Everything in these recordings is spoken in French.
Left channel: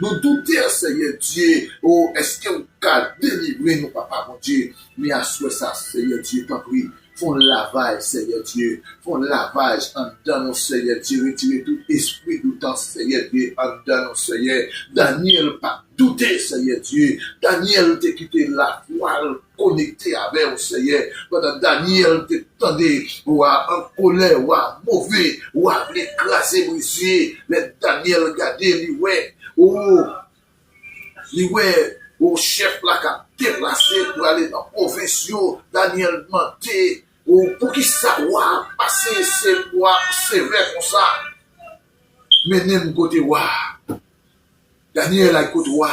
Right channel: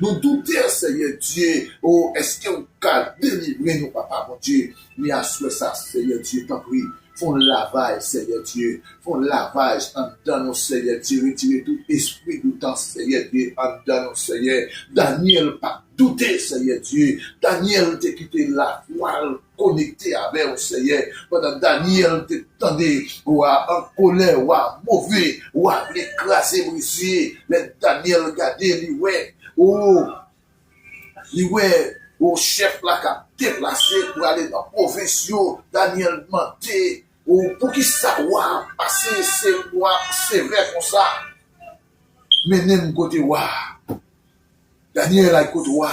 Nous doutons, Seigneur Dieu, oh, est-ce que vous pouvez délivrer nous, papa, mon Dieu? Mais à ce ça, Seigneur Dieu, t'en prie. Font lavage, Seigneur Dieu. Font lavage en dedans nous, Seigneur Dieu. Retirez tout esprit doutant, Seigneur Dieu, en dedans nous, Seigneur. Daniel, pas douter, Seigneur Dieu. Daniel, t'a quitté la voile connecté avec vous, Seigneur. Pendant Daniel, t'attendait, ou en colère, ou mauvais, ou l'écraser, brisé. Les Daniel, regardez, lui, ouais. Oh, lui, ouais. Au chef là qui a déplacé pour aller dans la province, Daniel menté, ou pour qui ça va passer ces mois sévères comme ça. Mais même côté wa, Daniel a côté wa.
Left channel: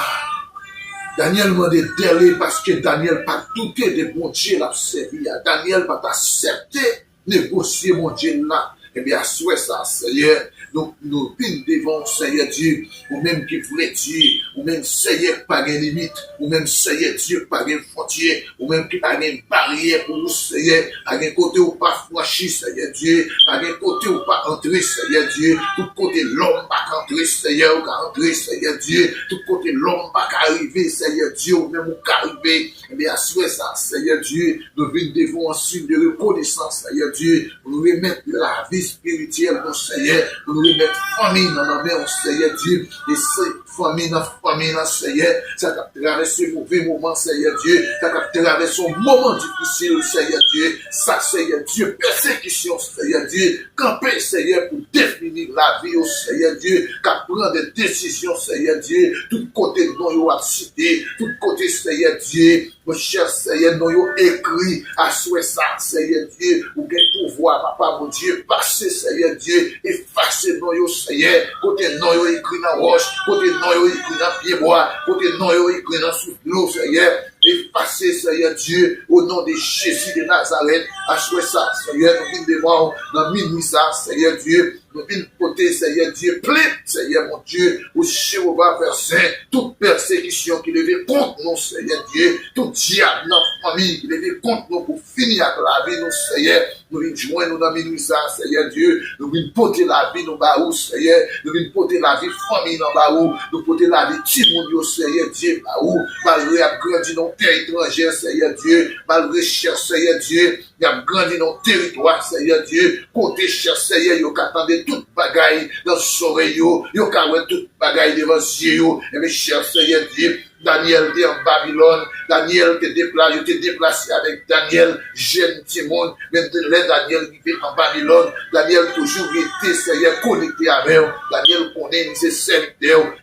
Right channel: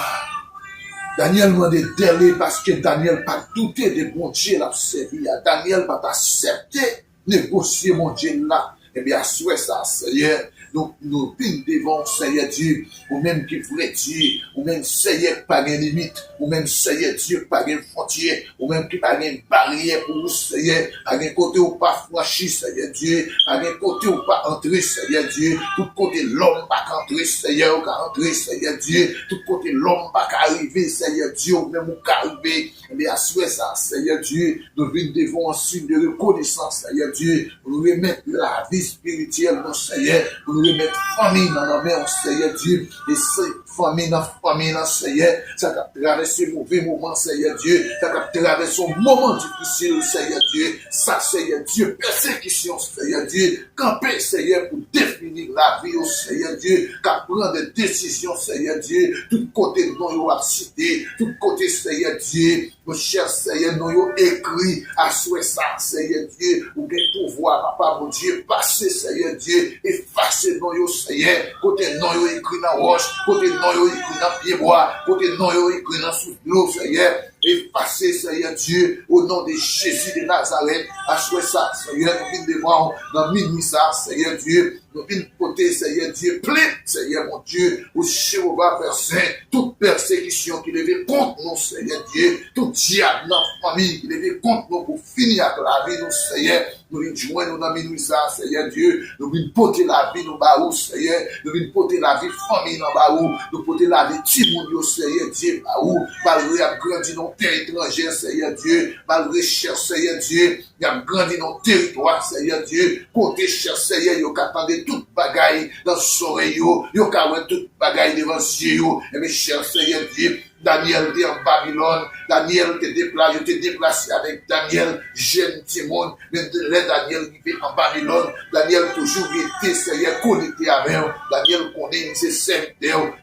Daniel m'a dit délai parce que Daniel pas douté de mon Dieu l'a servi. Daniel pas accepté négocier mon Dieu là. Eh bien, souhait ça, Seigneur. Donc, nous devons, Seigneur Dieu, ou même qui voulait Dieu, ou même Seigneur pas de limite, ou même Seigneur Dieu pas de frontière, ou même qui pas de barrière pour nous, Seigneur, à un côté ou pas franchi, Seigneur Dieu, à un côté ou pas entrer, Seigneur Dieu, tout côté l'homme pas entrer, Seigneur, ou pas entrer, Seigneur Dieu, tout côté l'homme pas arriver, Seigneur Dieu, ou même ou arriver, eh bien, souhait ça, Seigneur Dieu, nous devons en signe de reconnaissance, Seigneur Dieu, pour remettre la vie spirituelle, mon Seigneur, pour nous remettre famille dans la main, Seigneur Dieu, et cette famille dans Seigneur, ça a traversé mauvais moment, Seigneur Dieu, ça a traversé un moment difficile, Seigneur Dieu, ça, Seigneur Dieu, persécution, Seigneur Dieu, camper, Seigneur, pour définir la vie, Seigneur Dieu, qu'à prendre des décisions, Seigneur Dieu, tout côté de nous, à cité, tout côté, Seigneur Dieu, mon cher Seigneur, nous écrit à souhait ça, Seigneur Dieu, ou bien pouvoir, papa, mon Dieu, passer, Seigneur Dieu, effacer nous, Seigneur, côté nous écrit dans roche, côté nous écrit dans pied bois, côté nous écrit dans sous Seigneur, effacer, Seigneur Dieu, au nom de Jésus de Nazareth, à souhait ça, Seigneur, nous venons de voir dans minuit ça, Seigneur Dieu, nous venons côté, Seigneur Dieu, plein, Seigneur mon Dieu, au Jéhovah verset, toute persécution qui levait contre nous, Seigneur Dieu, tout diable dans la famille qui levait contre nous pour finir avec la vie, nous, Seigneur, nous venons joindre nous dans minuit ça, Seigneur Dieu, nous venons porter la vie dans Baou, Seigneur, nous venons porter la vie famille dans Baou, nous porter la vie Timounio, Seigneur Dieu, Baou, malgré à grandir dans terre étrangère, Seigneur Dieu, malgré cher Seigneur Dieu, il a grandi dans le territoire, Seigneur Dieu, côté cher Seigneur, il a attendu toute bagaille dans son oreille, il a toute bagaille devant ses yeux, et mes chers Seigneur Dieu, Daniel était en Babylone, Daniel était déplacé avec Daniel, jeune Timon, mais là Daniel qui était en Babylone, Daniel toujours était, Seigneur, connecté avec eux, Daniel connaît ses serviteurs.